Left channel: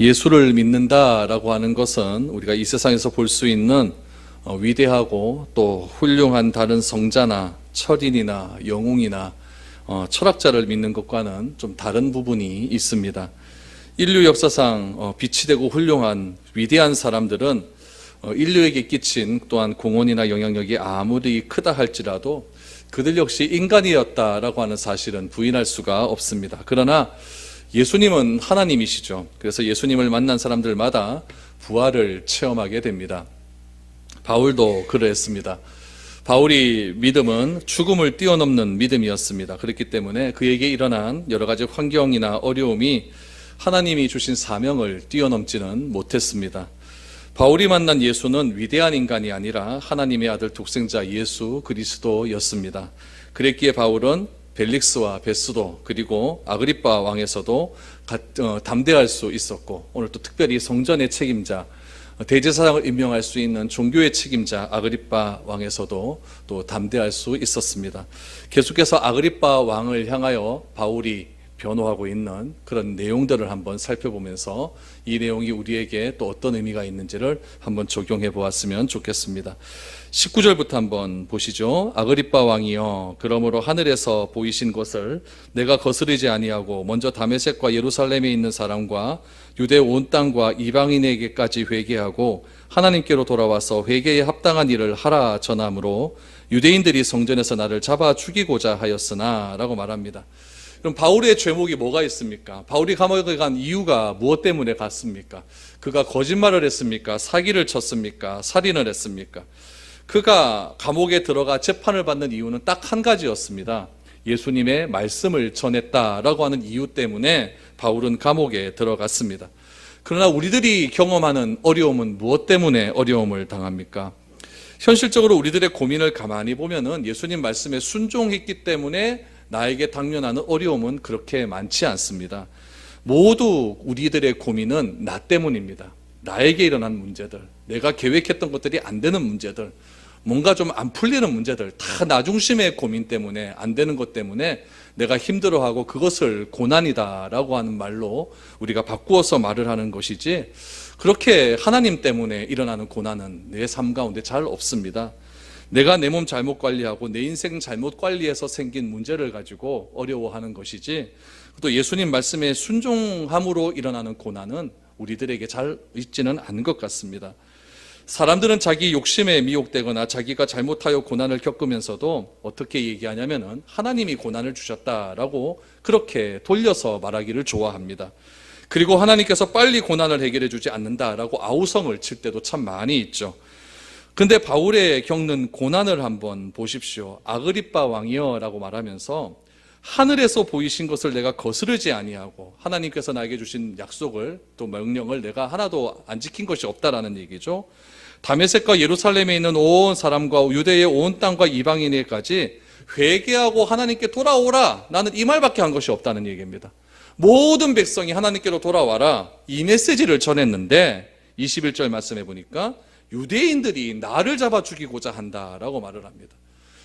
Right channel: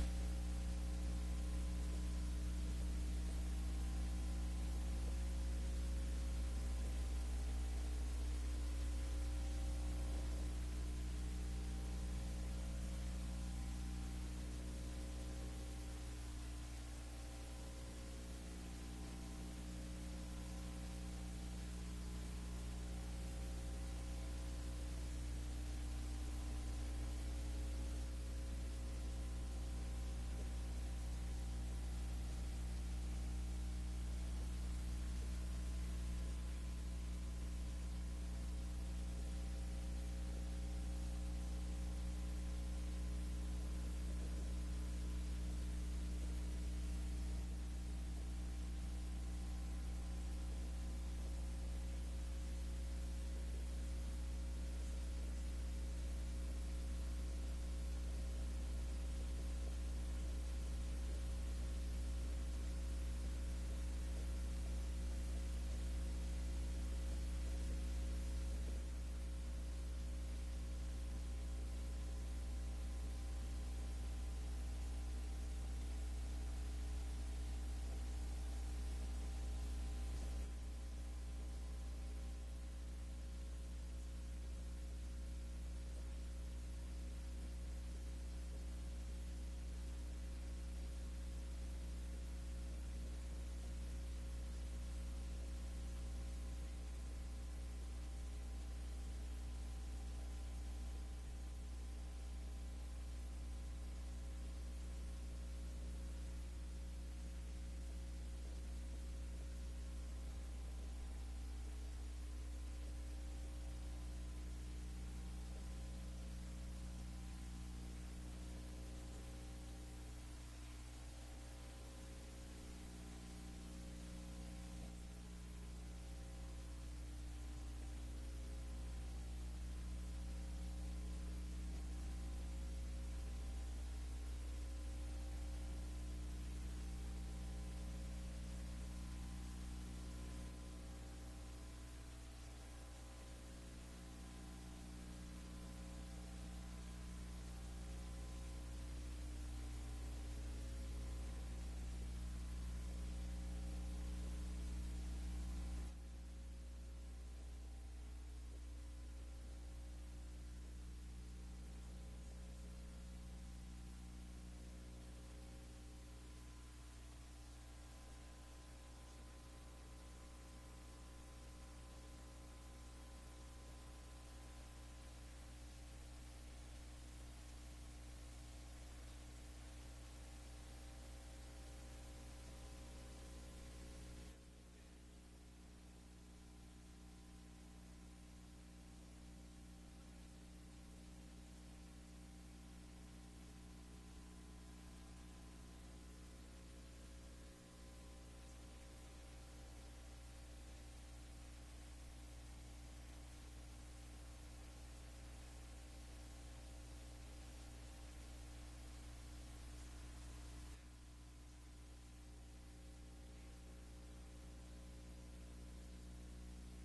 예수를 믿는다라고 하는 것은 우리가 이 세상에서 볼 수 있는 위대하고 또 훌륭한 다른 성자나 철인이나 영웅이나 철학자를 믿는 것과는 좀 다른 부분이 있습니다. 인류 역사상 빛이 되고 훌륭한 위대한 사람들은 인류에게 끼친 또한 공헌이나 영향력이 아무리 크다 할지라도 그들 역시 인간이었다라고 하는 사실은 부인할 수가 없습니다. 그러나 예수님은 하나님이시죠. 그래서 예수님을 만난 사람들마다 부활을 체험하게 됩니다. 바울도 그랬습니다. 바울이 믿음은 죽음을 뛰어넘는 믿음이었습니다. 그렇기 때문에 그에게 일어난 여러 가지 환경이나 어려움이 하나님이 주신 사명을 뛰어넘지는 못했습니다. 바울이 만난 예수는 위대한 인간이 아니라 하나님의 아들 독생자 예수 그리스도였습니다. 그랬기에 바울은 벨릭스와 베스도 그리고 아그리빠 왕에서도 담대할 수 있었고, 오늘 또 특별히 성전의 책임자 대제사장을 임명할 수 있는 종교의 책임자 아그리빠 왕에서도 또 담대할 수 있었습니다. 계속해서 아그리빠 왕을 향하여 바울이 변호하고 있는 그런 내용들을 한번 살펴보면서 이 내용이 우리에게 또 어떤 의미가 있는지를 한번 적용해 보았으면 좋겠습니다. 19절부터 한번 보시죠. 아그리빠 왕이여, 그러므로 하늘에서 보이신 것을 내가 거스르지 아니하고 먼저 다메섹과 예루살렘에 있는 사람과 유대 온 땅과 이방인에게까지 회개하고 하나님께로 돌아와서 회개에 합당한 일을 하라 전함으로 유대인들이 성전에서 나를 잡아 죽이고자 하였으나 라고 말합니다. 그럼 바울의 죄목이 뭐가 있습니까? 바울이 감옥에 간 이유가 무엇 때문에 갔습니까? 그가 거짓말을 했습니까? 사기를 쳤습니까? 살인을 했습니까? 그가 감옥에 들어가 재판을 받는 이유는 딱 한 가지였습니다. 예수님의 말씀을 전했다라고 하는 이유 때문에 바울은 감옥에 들어갔습니다. 그러나 우리들이 경험하는 어려움은 무엇 때문에 어려움을 당합니까? 현실적으로 우리들의 고민을 가만히 보면은 예수님 말씀에 순종했기 때문에 나에게 당면하는 어려움은 그렇게 많지 않습니다. 모두 우리들의 고민은 나 때문입니다. 나에게 일어난 문제들, 내가 계획했던 것들이 안 되는 문제들, 뭔가 좀 안 풀리는 문제들, 다 나 중심의 고민 때문에, 안 되는 것 때문에 내가 힘들어하고 그것을 고난이다라고 하는 말로 우리가 바꾸어서 말을 하는 것이지, 그렇게 하나님 때문에 일어나는 고난은 내 삶 가운데 잘 없습니다. 내가 내 몸 잘못 관리하고 내 인생 잘못 관리해서 생긴 문제를 가지고 어려워하는 것이지, 또 예수님 말씀에 순종함으로 일어나는 고난은 우리들에게 잘 있지는 않은 것 같습니다. 사람들은 자기 욕심에 미혹되거나 자기가 잘못하여 고난을 겪으면서도 어떻게 얘기하냐면은 하나님이 고난을 주셨다라고 그렇게 돌려서 말하기를 좋아합니다. 그리고 하나님께서 빨리 고난을 해결해 주지 않는다라고 아우성을 칠 때도 참 많이 있죠. 근데 바울의 겪는 고난을 한번 보십시오. 아그리빠 왕이여 라고 말하면서 하늘에서 보이신 것을 내가 거스르지 아니하고 하나님께서 나에게 주신 약속을 또 명령을 내가 하나도 안 지킨 것이 없다라는 얘기죠. 다메섹과 예루살렘에 있는 온 사람과 유대의 온 땅과 이방인에게까지 회개하고 하나님께 돌아오라, 나는 이 말밖에 한 것이 없다는 얘기입니다. 모든 백성이 하나님께로 돌아와라, 이 메시지를 전했는데 21절 말씀해 보니까 유대인들이 나를 잡아 죽이고자 한다라고 말을 합니다.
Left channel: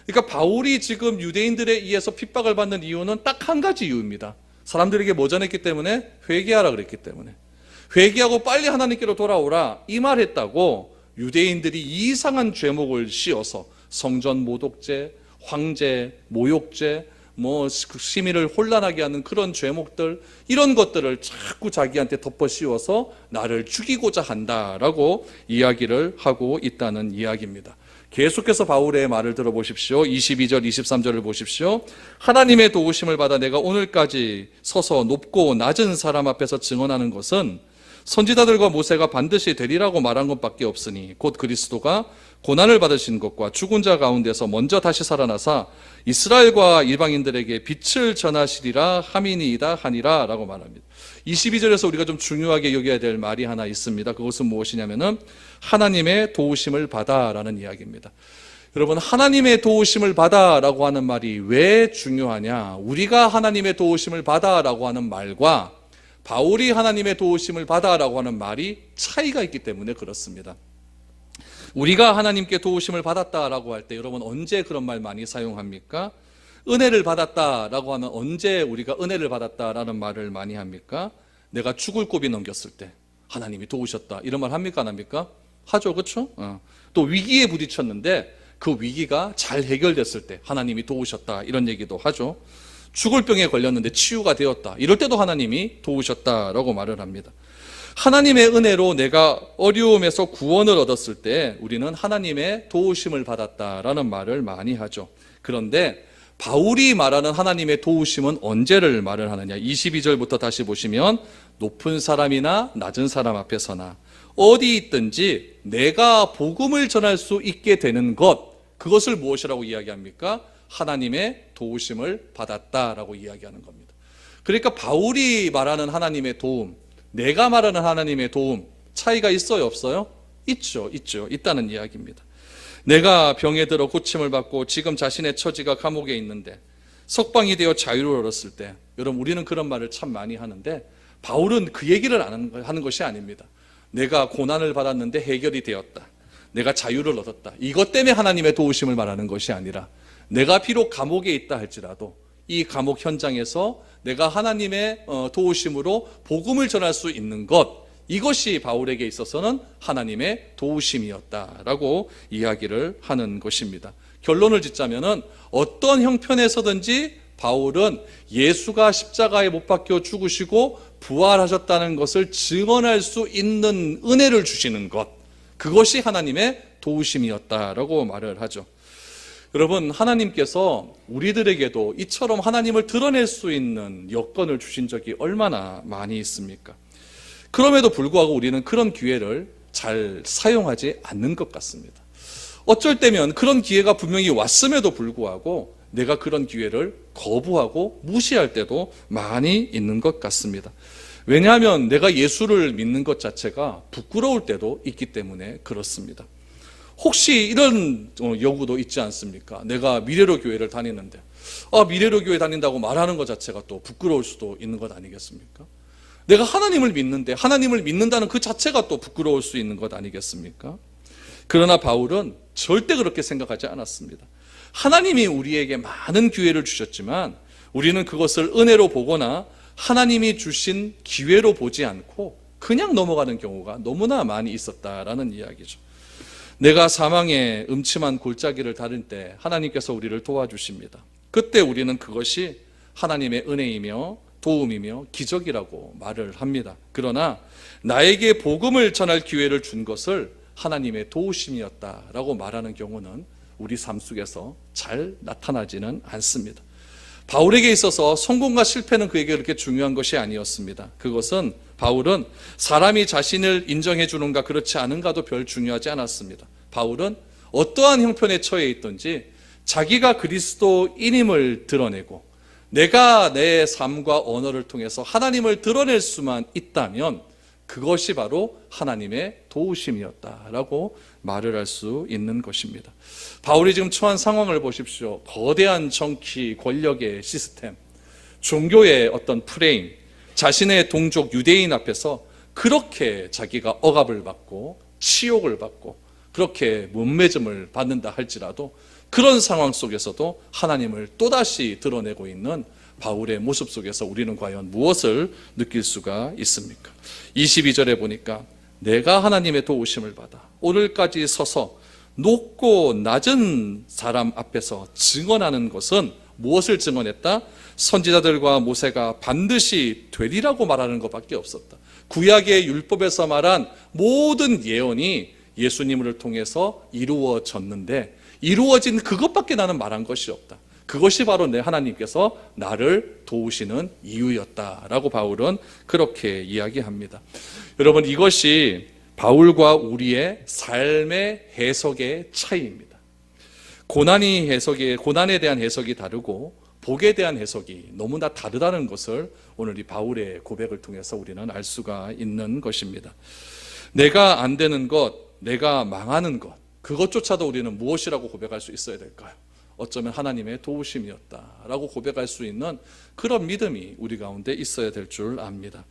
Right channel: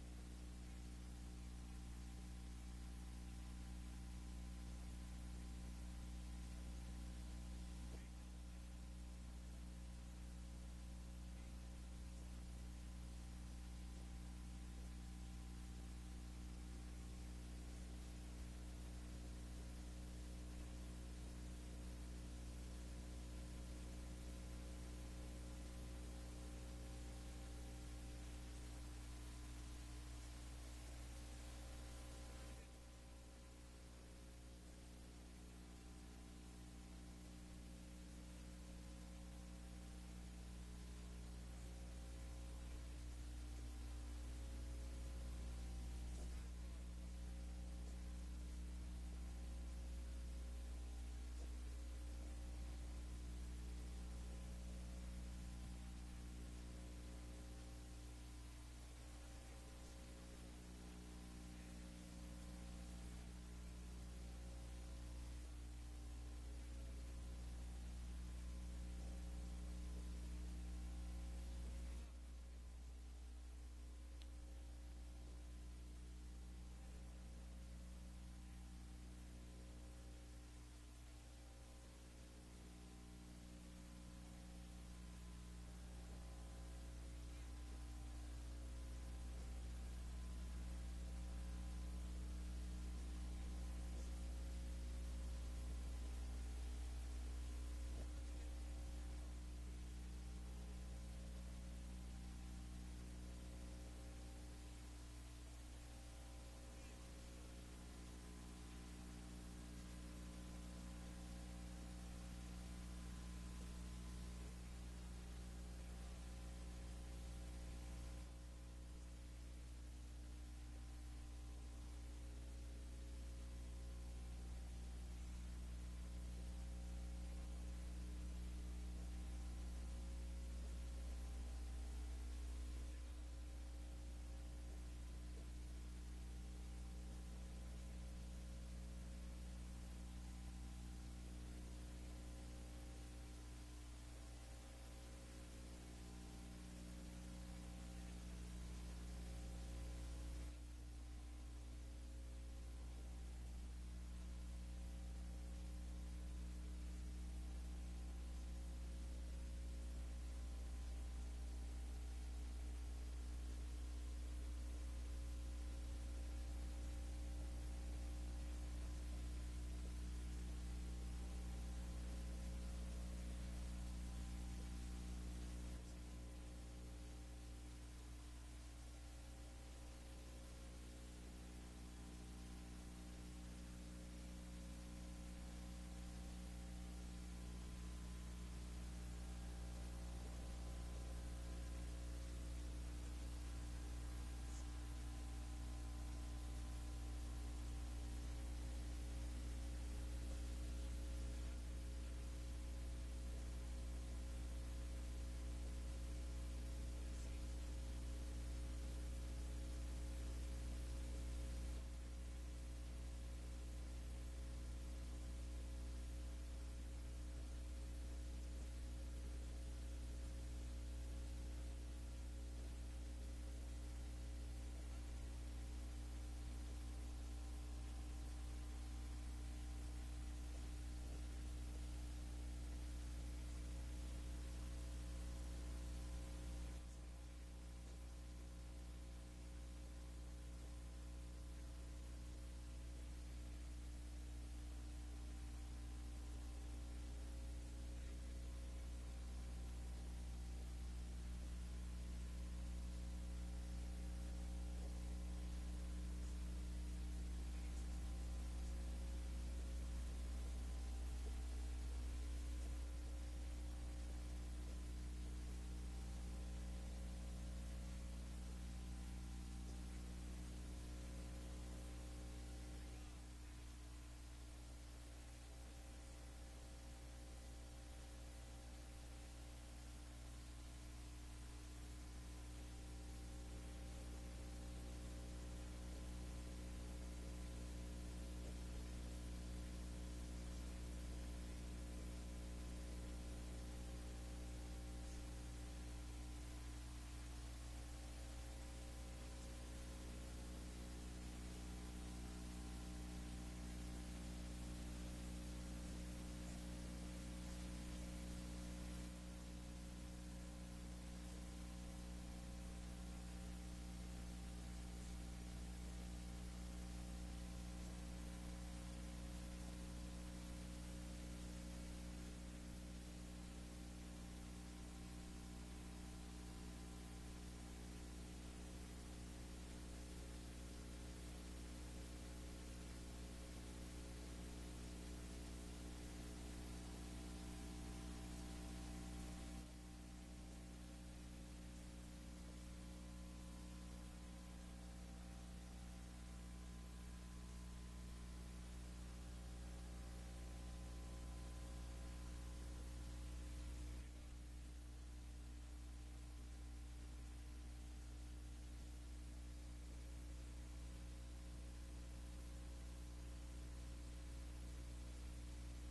그러니까 바울이 지금 유대인들에 의해서 핍박을 받는 이유는 딱 한 가지 이유입니다. 사람들에게 뭐 전했기 때문에? 회개하라 그랬기 때문에. 회개하고 빨리 하나님께로 돌아오라 이 말했다고 유대인들이 이상한 죄목을 씌워서 성전 모독죄, 황제, 모욕죄, 시민을 혼란하게 하는 그런 죄목들, 이런 것들을 자꾸 자기한테 덮어 씌워서 나를 죽이고자 한다라고 이야기를 하고 있다는 이야기입니다. 계속해서 바울의 말을 들어보십시오. 22절 23절을 보십시오. 하나님의 도우심을 받아 내가 오늘까지 서서 높고 낮은 사람 앞에서 증언하는 것은 선지자들과 모세가 반드시 되리라고 말한 것밖에 없으니 곧 그리스도가 고난을 받으신 것과 죽은 자 가운데서 먼저 다시 살아나사 이스라엘과 이방인들에게 빛을 전하시리라 함이니이다 하니라 라고 말합니다. 22절에서 우리가 좀 중요하게 여겨야 될 말이 하나 있습니다. 그것은 무엇이냐면은 하나님의 도우심을 받아 라는 이야기입니다. 여러분, 하나님의 도우심을 받아 라고 하는 말이 왜 중요하냐? 우리가 하나님의 도우심을 받아 라고 하는 말과 바울이 하나님의 도우심을 받아 라고 하는 말이 차이가 있기 때문에 그렇습니다. 우리가 하나님께 도우심을 받았다라고 할 때 여러분 언제 그런 말 많이 사용합니까? 은혜를 받았다라고 하면 언제 우리가 은혜를 받았다라는 말을 많이 합니까? 내가 죽을 고비 넘겼을 때, 하나님이 도우셨다. 이런 말 합니까? 안 합니까? 하죠. 그렇죠? 또 위기에 부딪혔는데 그 위기가 잘 해결됐을 때 하나님이 도우셨다. 이런 얘기도 하죠. 죽을 병에 걸렸는데 치유가 되었다. 이럴 때도 하나님이 도우셨다라고 말을 합니다. 하나님의 은혜로 내가 어려움에서 구원을 얻었을 때 우리는 하나님의 도우심을 받았다라는 말을 많이 하죠. 그런데 바울이 말하는 하나님의 도우심은 언제를 말을 하느냐? 22절부터 다시 보시면 높은 사람이나 낮은 사람 앞에서나 어디 있든지 내가 복음을 전할 수 있게 되는 것, 그것을 무엇이라고 이야기합니까? 하나님의 도우심을 받았다라고 이야기하는 겁니다. 그러니까 바울이 말하는 하나님의 도움, 내가 말하는 하나님의 도움, 차이가 있어요, 없어요? 있죠. 있다는 이야기입니다. 내가 병에 들어 고침을 받고 지금 자신의 처지가 감옥에 있는데 석방이 되어 자유를 얻었을 때, 여러분 우리는 그런 말을 참 많이 하는데 바울은 그 얘기를 하는 것이 아닙니다. 내가 고난을 받았는데 해결이 되었다, 내가 자유를 얻었다, 이것 때문에 하나님의 도우심을 말하는 것이 아니라 내가 비록 감옥에 있다 할지라도 이 감옥 현장에서 내가 하나님의 도우심으로 복음을 전할 수 있는 것, 이것이 바울에게 있어서는 하나님의 도우심이었다라고 이야기를 하는 것입니다. 결론을 짓자면은 어떤 형편에서든지 바울은 예수가 십자가에 못 박혀 죽으시고 부활하셨다는 것을 증언할 수 있는 은혜를 주시는 것, 그것이 하나님의 도우심이었다라고 말을 하죠. 여러분, 하나님께서 우리들에게도 이처럼 하나님을 드러낼 수 있는 여건을 주신 적이 얼마나 많이 있습니까? 그럼에도 불구하고 우리는 그런 기회를 잘 사용하지 않는 것 같습니다. 어쩔 때면 그런 기회가 분명히 왔음에도 불구하고 내가 그런 기회를 거부하고 무시할 때도 많이 있는 것 같습니다. 왜냐하면 내가 예수를 믿는 것 자체가 부끄러울 때도 있기 때문에 그렇습니다. 혹시 이런 요구도 있지 않습니까? 내가 미래로 교회를 다니는데 미래로 교회 다닌다고 말하는 것 자체가 또 부끄러울 수도 있는 것 아니겠습니까? 내가 하나님을 믿는데 하나님을 믿는다는 그 자체가 또 부끄러울 수 있는 것 아니겠습니까? 그러나 바울은 절대 그렇게 생각하지 않았습니다. 하나님이 우리에게 많은 기회를 주셨지만 우리는 그것을 은혜로 보거나 하나님이 주신 기회로 보지 않고 그냥 넘어가는 경우가 너무나 많이 있었다라는 이야기죠. 내가 사망의 음침한 골짜기를 다닐 때 하나님께서 우리를 도와주십니다. 그때 우리는 그것이 하나님의 은혜이며 도움이며 기적이라고 말을 합니다. 그러나 나에게 복음을 전할 기회를 준 것을 하나님의 도우심이었다라고 말하는 경우는 우리 삶 속에서 잘 나타나지는 않습니다. 바울에게 있어서 성공과 실패는 그에게 그렇게 중요한 것이 아니었습니다. 그것은 바울은 사람이 자신을 인정해 주는가 그렇지 않은가도 별 중요하지 않았습니다. 바울은 어떠한 형편에 처해 있든지 자기가 그리스도인임을 드러내고 내가 내 삶과 언어를 통해서 하나님을 드러낼 수만 있다면 그것이 바로 하나님의 도우심이었다라고 말을 할 수 있는 것입니다. 바울이 지금 처한 상황을 보십시오. 거대한 정치, 권력의 시스템, 종교의 어떤 프레임, 자신의 동족 유대인 앞에서 그렇게 자기가 억압을 받고 치욕을 받고 그렇게 문매점을 받는다 할지라도 그런 상황 속에서도 하나님을 또다시 드러내고 있는 바울의 모습 속에서 우리는 과연 무엇을 느낄 수가 있습니까? 22절에 보니까 내가 하나님의 도우심을 받아 오늘까지 서서 높고 낮은 사람 앞에서 증언하는 것은 무엇을 증언했다? 선지자들과 모세가 반드시 되리라고 말하는 것밖에 없었다. 구약의 율법에서 말한 모든 예언이 예수님을 통해서 이루어졌는데 이루어진 그것밖에 나는 말한 것이 없다. 그것이 바로 내 하나님께서 나를 도우시는 이유였다라고 바울은 그렇게 이야기합니다. 여러분, 이것이 바울과 우리의 삶의 해석의 차이입니다. 고난에 대한 해석이 다르고 복에 대한 해석이 너무나 다르다는 것을 오늘 이 바울의 고백을 통해서 우리는 알 수가 있는 것입니다. 내가 안 되는 것, 내가 망하는 것, 그것조차도 우리는 무엇이라고 고백할 수 있어야 될까요? 어쩌면 하나님의 도우심이었다라고 고백할 수 있는 그런 믿음이 우리 가운데 있어야 될 줄 압니다.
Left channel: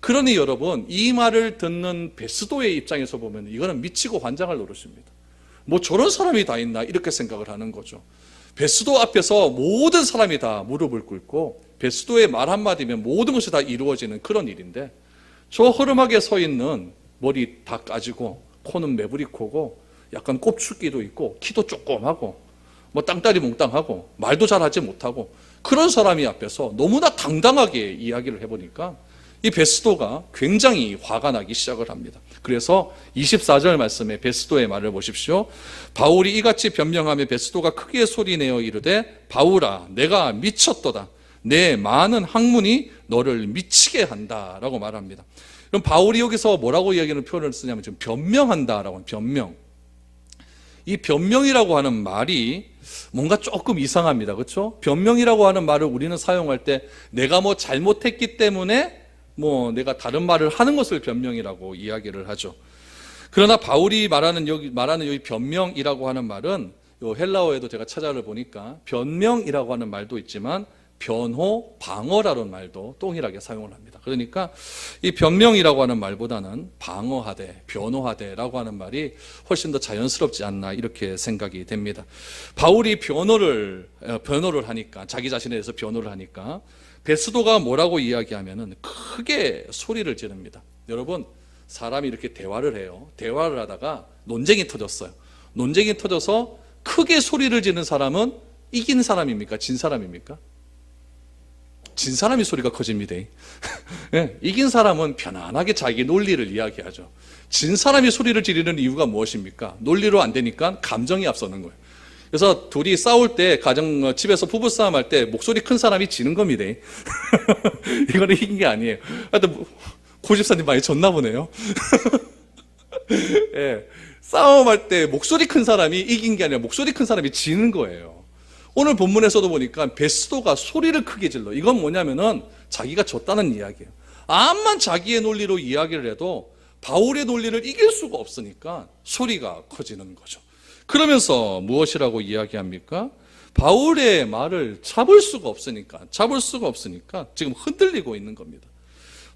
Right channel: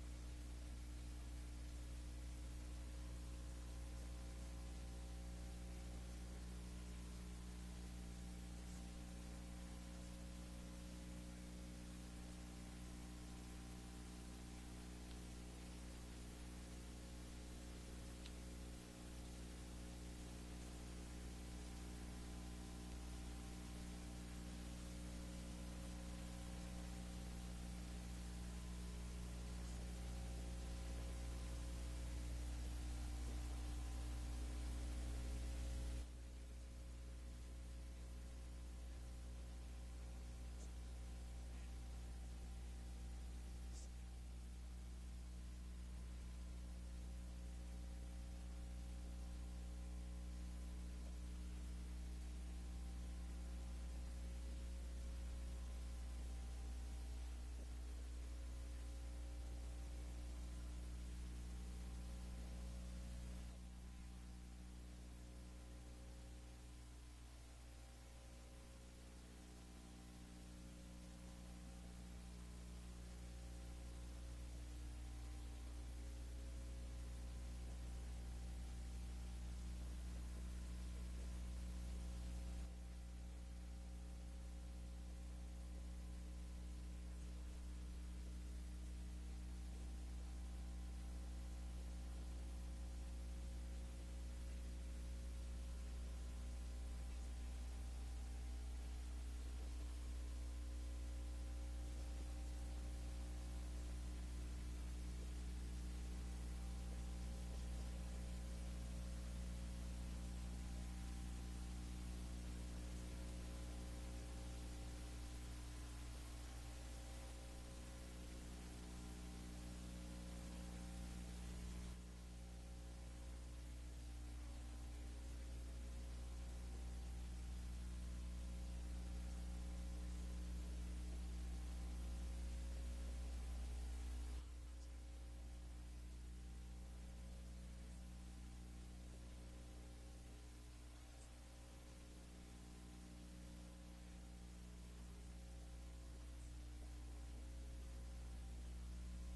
그러니 여러분, 이 말을 듣는 베스도의 입장에서 보면 이거는 미치고 환장할 노릇입니다. 뭐 저런 사람이 다 있나 이렇게 생각을 하는 거죠. 베스도 앞에서 모든 사람이 다 무릎을 꿇고 베스도의 말 한마디면 모든 것이 다 이루어지는 그런 일인데 저 허름하게 서 있는 머리 다 까지고 코는 매부리 코고 약간 꼽축기도 있고 키도 조그마하고 뭐 땅다리 몽땅하고 말도 잘하지 못하고 그런 사람이 앞에서 너무나 당당하게 이야기를 해보니까 이 베스도가 굉장히 화가 나기 시작을 합니다. 그래서 24절 말씀에 베스도의 말을 보십시오. 바울이 이같이 변명하며 베스도가 크게 소리내어 이르되 바울아 내가 미쳤도다. 내 많은 학문이 너를 미치게 한다라고 말합니다. 그럼 바울이 여기서 뭐라고 이야기하는 표현을 쓰냐면 지금 변명한다라고 하는 변명. 이 변명이라고 하는 말이 뭔가 조금 이상합니다. 그렇죠? 변명이라고 하는 말을 우리는 사용할 때 내가 뭐 잘못했기 때문에 뭐 내가 다른 말을 하는 것을 변명이라고 이야기를 하죠. 그러나 바울이 말하는 여기 변명이라고 하는 말은 요 헬라어에도 제가 찾아를 보니까 변명이라고 하는 말도 있지만 변호, 방어라는 말도 동일하게 사용을 합니다. 그러니까 이 변명이라고 하는 말보다는 방어하되, 변호하되라고 하는 말이 훨씬 더 자연스럽지 않나 이렇게 생각이 됩니다. 바울이 변호를 하니까 자기 자신에 대해서 변호를 하니까 베스도가 뭐라고 이야기하면은 크게 소리를 지릅니다. 여러분 사람이 이렇게 대화를 해요. 대화를 하다가 논쟁이 터졌어요. 논쟁이 터져서 크게 소리를 지르는 사람은 이긴 사람입니까? 진 사람입니까? 진 사람이 소리가 커집니다. 네, 이긴 사람은 편안하게 자기 논리를 이야기하죠. 진 사람이 소리를 지르는 이유가 무엇입니까? 논리로 안 되니까 감정이 앞서는 거예요. 그래서 둘이 싸울 때 집에서 부부싸움 할 때 목소리 큰 사람이 지는 겁니다. 이거는 이긴 게 아니에요. 하여튼 고 집사님 많이 졌나 보네요. 네, 싸움할 때 목소리 큰 사람이 이긴 게 아니라 목소리 큰 사람이 지는 거예요. 오늘 본문에서도 보니까 베스도가 소리를 크게 질러. 이건 뭐냐면은 자기가 졌다는 이야기예요. 암만 자기의 논리로 이야기를 해도 바울의 논리를 이길 수가 없으니까 소리가 커지는 거죠. 그러면서 무엇이라고 이야기합니까? 바울의 말을 잡을 수가 없으니까 지금 흔들리고 있는 겁니다.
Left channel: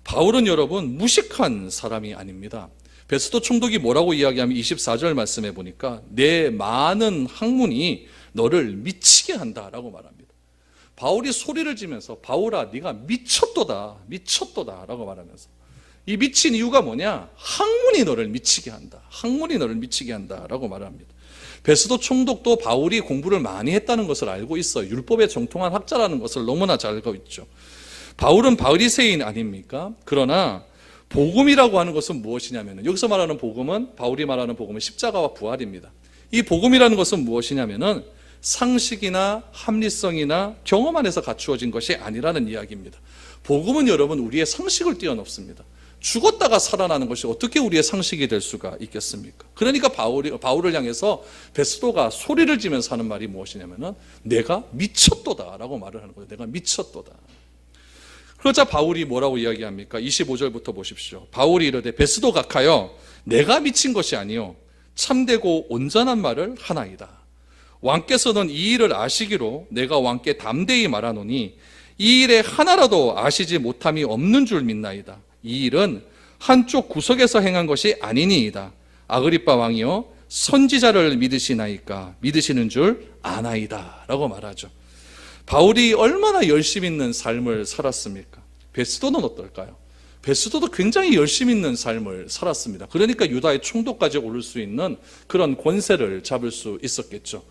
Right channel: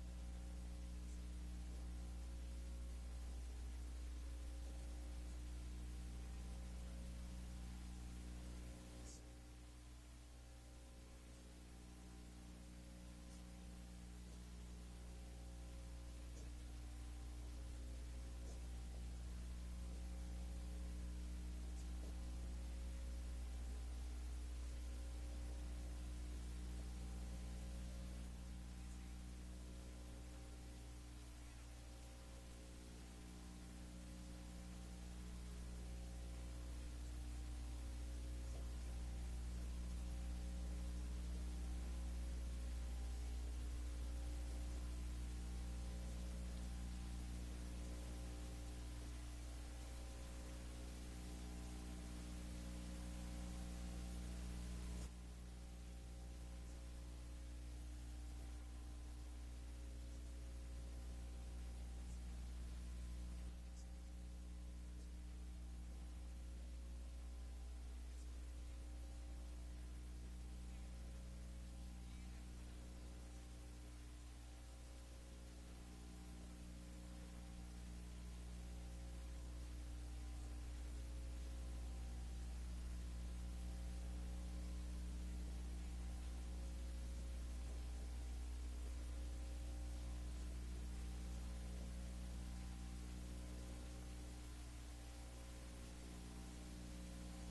바울은 여러분 무식한 사람이 아닙니다. 베스도 총독이 뭐라고 이야기하면 24절 말씀해 보니까 내 많은 학문이 너를 미치게 한다라고 말합니다. 바울이 소리를 지면서 바울아 네가 미쳤도다 라고 말하면서 이 미친 이유가 뭐냐? 학문이 너를 미치게 한다. 학문이 너를 미치게 한다라고 말합니다. 베스도 총독도 바울이 공부를 많이 했다는 것을 알고 있어요. 율법에 정통한 학자라는 것을 너무나 잘 알고 있죠. 바울은 바리새인 아닙니까? 그러나 복음이라고 하는 것은 무엇이냐면 여기서 말하는 복음은 바울이 말하는 복음은 십자가와 부활입니다. 이 복음이라는 것은 무엇이냐면은 상식이나 합리성이나 경험 안에서 갖추어진 것이 아니라는 이야기입니다. 복음은 여러분 우리의 상식을 뛰어넘습니다. 죽었다가 살아나는 것이 어떻게 우리의 상식이 될 수가 있겠습니까? 그러니까 바울을 향해서 베스도가 소리를 지면서 하는 말이 무엇이냐면은 내가 미쳤도다라고 말을 하는 거예요. 내가 미쳤도다. 그러자 바울이 뭐라고 이야기합니까? 25절부터 보십시오. 바울이 이르되 베스도 각하여 내가 미친 것이 아니요 참되고 온전한 말을 하나이다. 왕께서는 이 일을 아시기로 내가 왕께 담대히 말하노니 이 일에 하나라도 아시지 못함이 없는 줄 믿나이다. 이 일은 한쪽 구석에서 행한 것이 아니니이다. 아그리빠 왕이여 선지자를 믿으시나이까 믿으시는 줄 아나이다 라고 말하죠. 바울이 얼마나 열심 있는 삶을 살았습니까? 베스도는 어떨까요? 베스도도 굉장히 열심 있는 삶을 살았습니다. 그러니까 유다의 총독까지 오를 수 있는 그런 권세를 잡을 수 있었겠죠.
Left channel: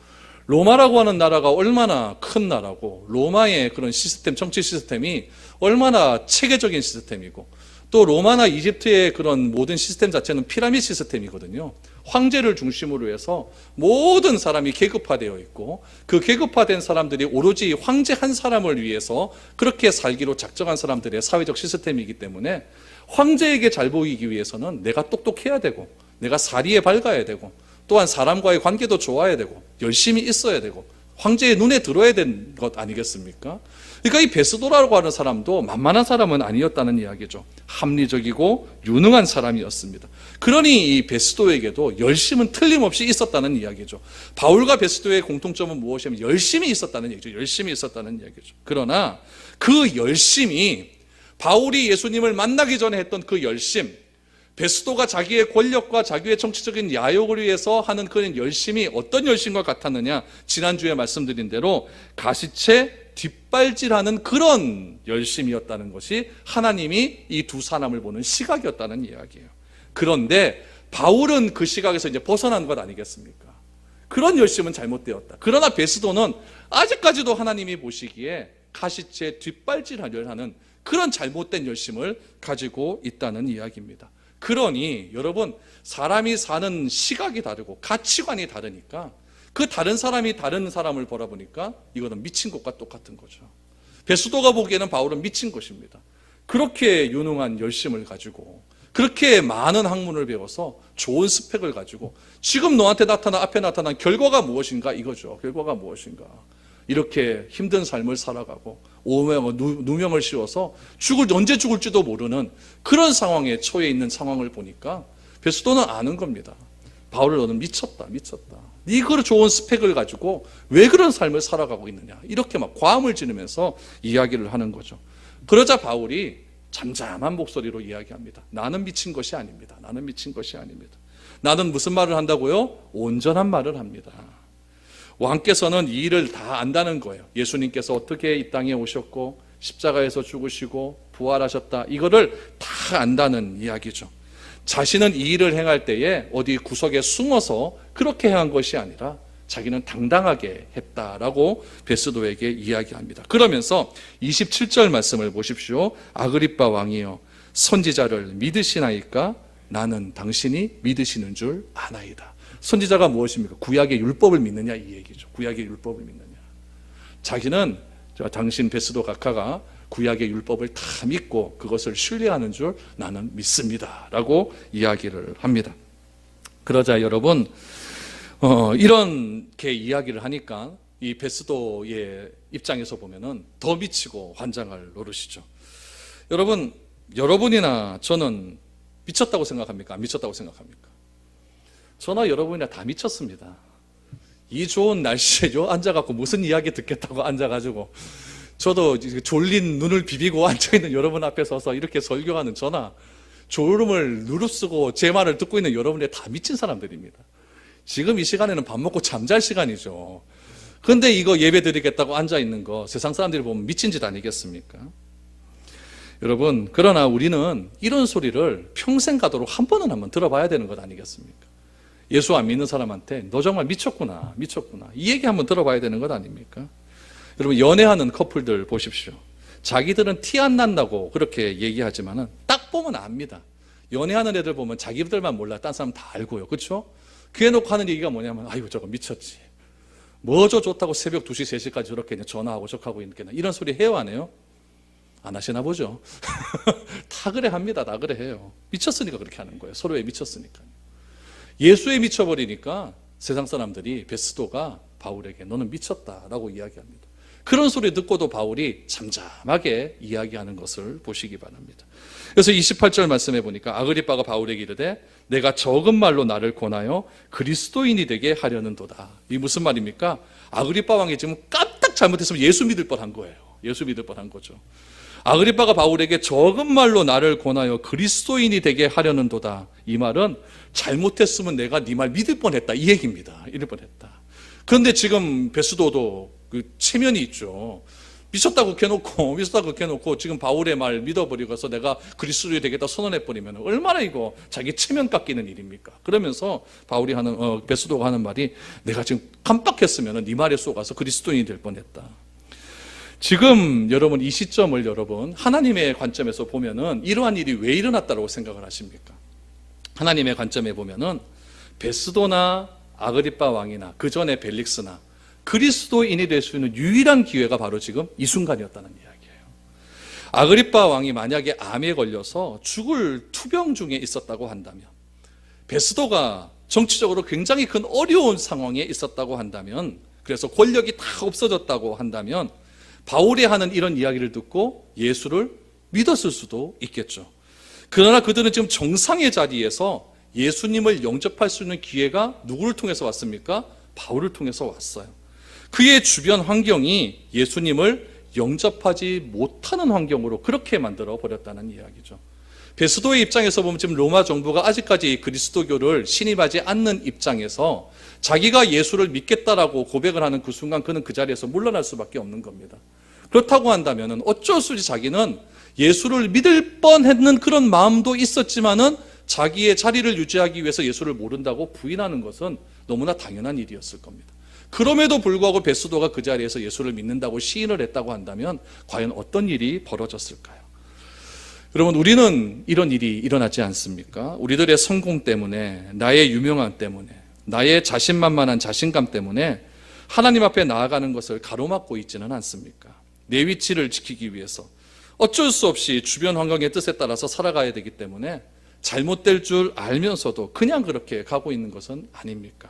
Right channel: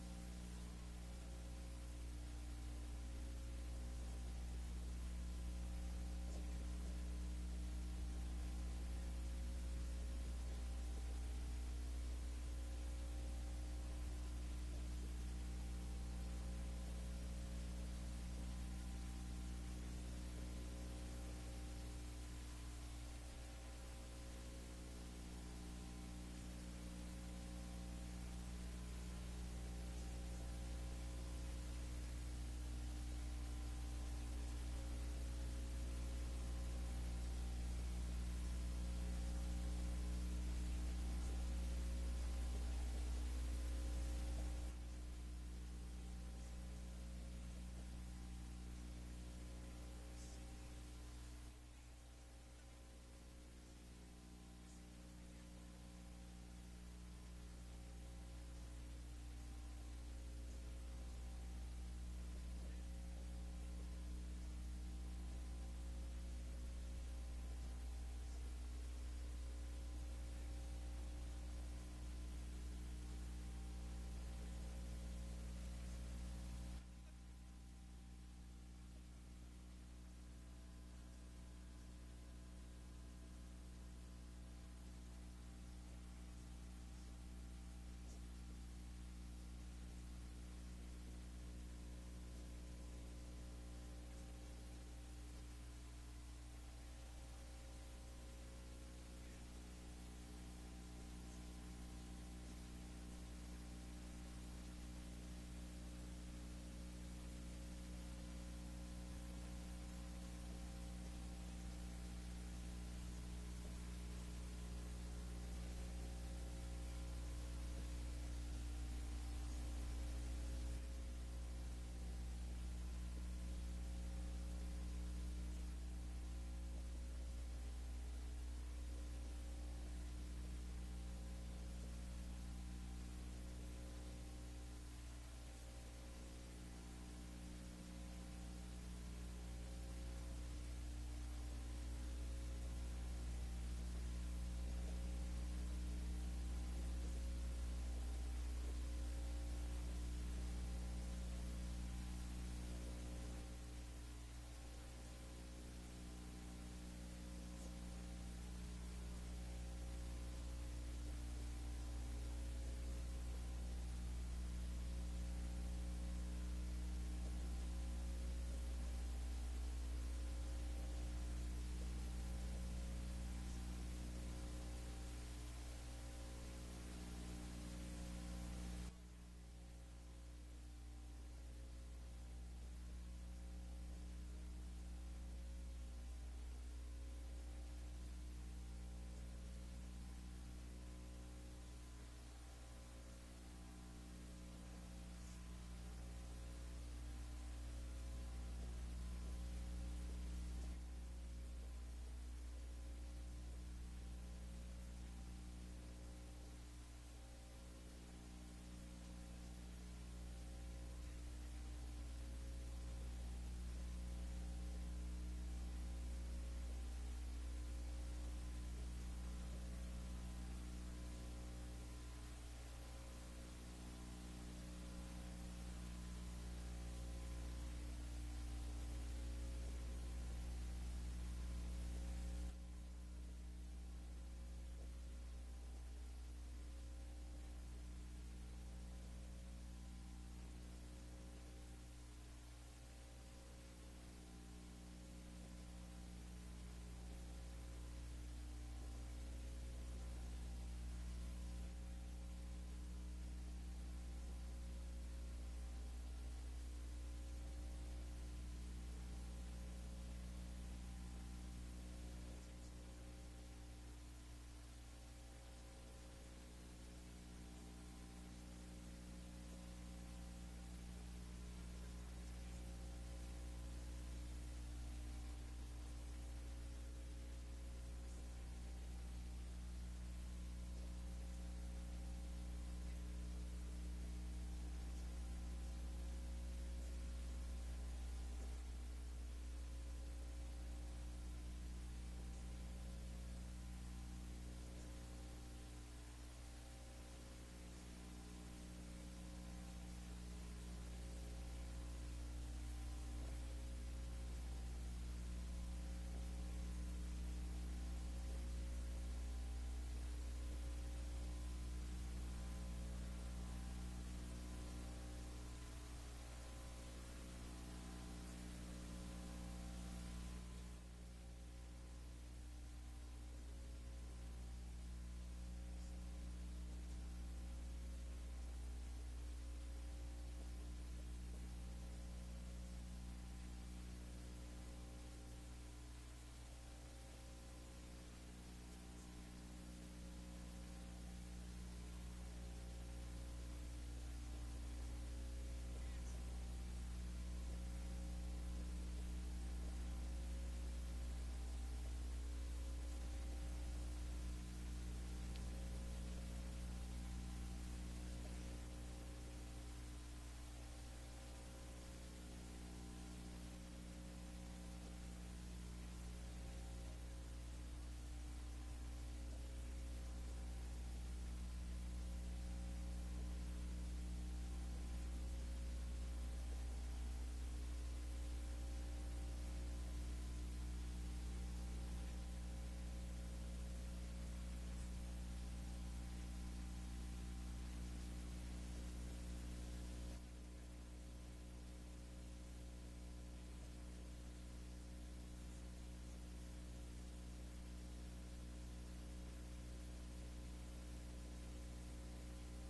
로마라고 하는 나라가 얼마나 큰 나라고 로마의 그런 시스템, 정치 시스템이 얼마나 체계적인 시스템이고 또 로마나 이집트의 그런 모든 시스템 자체는 피라미드 시스템이거든요. 황제를 중심으로 해서 모든 사람이 계급화되어 있고 그 계급화된 사람들이 오로지 황제 한 사람을 위해서 그렇게 살기로 작정한 사람들의 사회적 시스템이기 때문에 황제에게 잘 보이기 위해서는 내가 똑똑해야 되고 내가 사리에 밝아야 되고 또한 사람과의 관계도 좋아야 되고 열심히 있어야 되고 황제의 눈에 들어야 되는 것 아니겠습니까? 그러니까 이 베스도라고 하는 사람도 만만한 사람은 아니었다는 이야기죠. 합리적이고 유능한 사람이었습니다. 그러니 이 베스도에게도 열심은 틀림없이 있었다는 이야기죠. 바울과 베스도의 공통점은 무엇이냐면 열심히 있었다는 얘기죠. 열심히 있었다는 이야기죠. 그러나 그 열심이 바울이 예수님을 만나기 전에 했던 그 열심, 베스도가 자기의 권력과 자기의 정치적인 야욕을 위해서 하는 그런 열심이 어떤 열심과 같았느냐? 지난주에 말씀드린 대로 가시체 뒷발질하는 그런 열심이었다는 것이 하나님이 이 두 사람을 보는 시각이었다는 이야기예요. 그런데 바울은 그 시각에서 이제 벗어난 것 아니겠습니까? 그런 열심은 잘못되었다. 그러나 베스도는 아직까지도 하나님이 보시기에 가시체 뒷발질하려 하는 그런 잘못된 열심을 가지고 있다는 이야기입니다. 그러니 여러분, 사람이 사는 시각이 다르고 가치관이 다르니까 그 다른 사람이 다른 사람을 바라보니까 이거는 미친 것과 똑같은 거죠. 베스도가 보기에는 바울은 미친 것입니다. 그렇게 유능한 열심을 가지고 그렇게 많은 학문을 배워서 좋은 스펙을 가지고 지금 너한테 앞에 나타난 결과가 무엇인가 이거죠. 결과가 무엇인가. 이렇게 힘든 삶을 살아가고 누명을 씌워서 언제 죽을지도 모르는 그런 상황에 처해 있는 상황을 보니까 베스도는 아는 겁니다. 바울을 너는 미쳤다. 이걸 좋은 스펙을 가지고 왜 그런 삶을 살아가고 있느냐. 이렇게 막 과음을 지르면서 이야기를 하는 거죠. 그러자 바울이 잠잠한 목소리로 이야기합니다. 나는 미친 것이 아닙니다. 나는 무슨 말을 한다고요? 온전한 말을 합니다. 왕께서는 이 일을 다 안다는 거예요. 예수님께서 어떻게 이 땅에 오셨고 십자가에서 죽으시고 부활하셨다. 이거를 다 안다는 이야기죠. 자신은 이 일을 행할 때에 어디 구석에 숨어서 그렇게 행한 것이 아니라 자기는 당당하게 했다라고 베스도에게 이야기합니다. 그러면서 27절 말씀을 보십시오. 아그리빠 왕이여, 선지자를 믿으시나이까? 나는 당신이 믿으시는 줄 아나이다. 선지자가 무엇입니까? 구약의 율법을 믿느냐 이 얘기죠. 구약의 율법을 믿느냐. 자기는 당신 베스도 각하가 구약의 율법을 다 믿고 그것을 신뢰하는 줄 나는 믿습니다 라고 이야기를 합니다. 그러자 여러분, 이렇게 이야기를 하니까 이 베스도의 입장에서 보면은 더 미치고 환장할 노릇이죠. 여러분이나 저는 미쳤다고 생각합니까? 안 미쳤다고 생각합니까? 저나 여러분이나 다 미쳤습니다. 이 좋은 날씨에 앉아갖고 무슨 이야기 듣겠다고 앉아가지고, 저도 졸린 눈을 비비고 앉아있는 여러분 앞에 서서 이렇게 설교하는 저나 졸음을 누르쓰고 제 말을 듣고 있는 여러분이 다 미친 사람들입니다. 지금 이 시간에는 밥 먹고 잠잘 시간이죠. 그런데 이거 예배 드리겠다고 앉아있는 거 세상 사람들이 보면 미친 짓 아니겠습니까? 여러분, 그러나 우리는 이런 소리를 평생 가도록 한번 들어봐야 되는 것 아니겠습니까? 예수 안 믿는 사람한테 너 정말 미쳤구나 이 얘기 한번 들어봐야 되는 것 아닙니까? 여러분, 연애하는 커플들 보십시오. 자기들은 티 안 난다고 그렇게 얘기하지만은 딱 보면 압니다. 연애하는 애들 보면 자기들만 몰라 딴 사람 다 알고요. 그렇죠? 그래 놓고 하는 얘기가 뭐냐면, 아이고 저거 미쳤지, 뭐저 좋다고 새벽 2시 3시까지 저렇게 전화하고 저하고 있겠나, 이런 소리 해요 안 해요? 안 하시나 보죠. 다 그래 합니다. 다 그래 해요. 미쳤으니까 그렇게 하는 거예요. 서로에 미쳤으니까. 예수에 미쳐버리니까 세상 사람들이 베스도가 바울에게 너는 미쳤다라고 이야기합니다. 그런 소리 듣고도 바울이 잠잠하게 이야기하는 것을 보시기 바랍니다. 그래서 28절 말씀해 보니까 아그리빠가 바울에게 이르되 내가 적은 말로 나를 권하여 그리스도인이 되게 하려는 도다. 이 무슨 말입니까? 아그리빠 왕이 지금 깜딱 잘못했으면 예수 믿을 뻔한 거예요. 예수 믿을 뻔한 거죠. 아그리빠가 바울에게 적은 말로 나를 권하여 그리스도인이 되게 하려는 도다. 이 말은 잘못했으면 내가 네 말 믿을 뻔했다 이 얘기입니다. 이럴 뻔했다. 그런데 지금 베스도도 그 체면이 있죠. 미쳤다고 해놓고 지금 바울의 말 믿어버리고서 내가 그리스도인이 되겠다 선언해버리면 얼마나 이거 자기 체면 깎이는 일입니까? 그러면서 베스도가 하는 말이 내가 지금 깜빡했으면 네 말에 속아서 그리스도인이 될 뻔했다. 지금 여러분 이 시점을 하나님의 관점에서 보면은 이러한 일이 왜 일어났다고 생각을 하십니까? 하나님의 관점에 보면은 베스도나 아그리빠 왕이나 그 전에 벨릭스나 그리스도인이 될 수 있는 유일한 기회가 바로 지금 이 순간이었다는 이야기예요. 아그리빠 왕이 만약에 암에 걸려서 죽을 투병 중에 있었다고 한다면, 베스도가 정치적으로 굉장히 큰 어려운 상황에 있었다고 한다면, 그래서 권력이 다 없어졌다고 한다면 바울이 하는 이런 이야기를 듣고 예수를 믿었을 수도 있겠죠. 그러나 그들은 지금 정상의 자리에서 예수님을 영접할 수 있는 기회가 누구를 통해서 왔습니까? 바울을 통해서 왔어요. 그의 주변 환경이 예수님을 영접하지 못하는 환경으로 그렇게 만들어 버렸다는 이야기죠. 베스도의 입장에서 보면 지금 로마 정부가 아직까지 그리스도교를 신임하지 않는 입장에서 자기가 예수를 믿겠다라고 고백을 하는 그 순간 그는 그 자리에서 물러날 수밖에 없는 겁니다. 그렇다고 한다면 어쩔 수 없이 자기는 예수를 믿을 뻔했는 그런 마음도 있었지만은 자기의 자리를 유지하기 위해서 예수를 모른다고 부인하는 것은 너무나 당연한 일이었을 겁니다. 그럼에도 불구하고 베스도가 그 자리에서 예수를 믿는다고 시인을 했다고 한다면 과연 어떤 일이 벌어졌을까요? 여러분, 우리는 이런 일이 일어나지 않습니까? 우리들의 성공 때문에, 나의 유명함 때문에, 나의 자신만만한 자신감 때문에 하나님 앞에 나아가는 것을 가로막고 있지는 않습니까? 내 위치를 지키기 위해서 어쩔 수 없이 주변 환경의 뜻에 따라서 살아가야 되기 때문에 잘못될 줄 알면서도 그냥 그렇게 가고 있는 것은 아닙니까?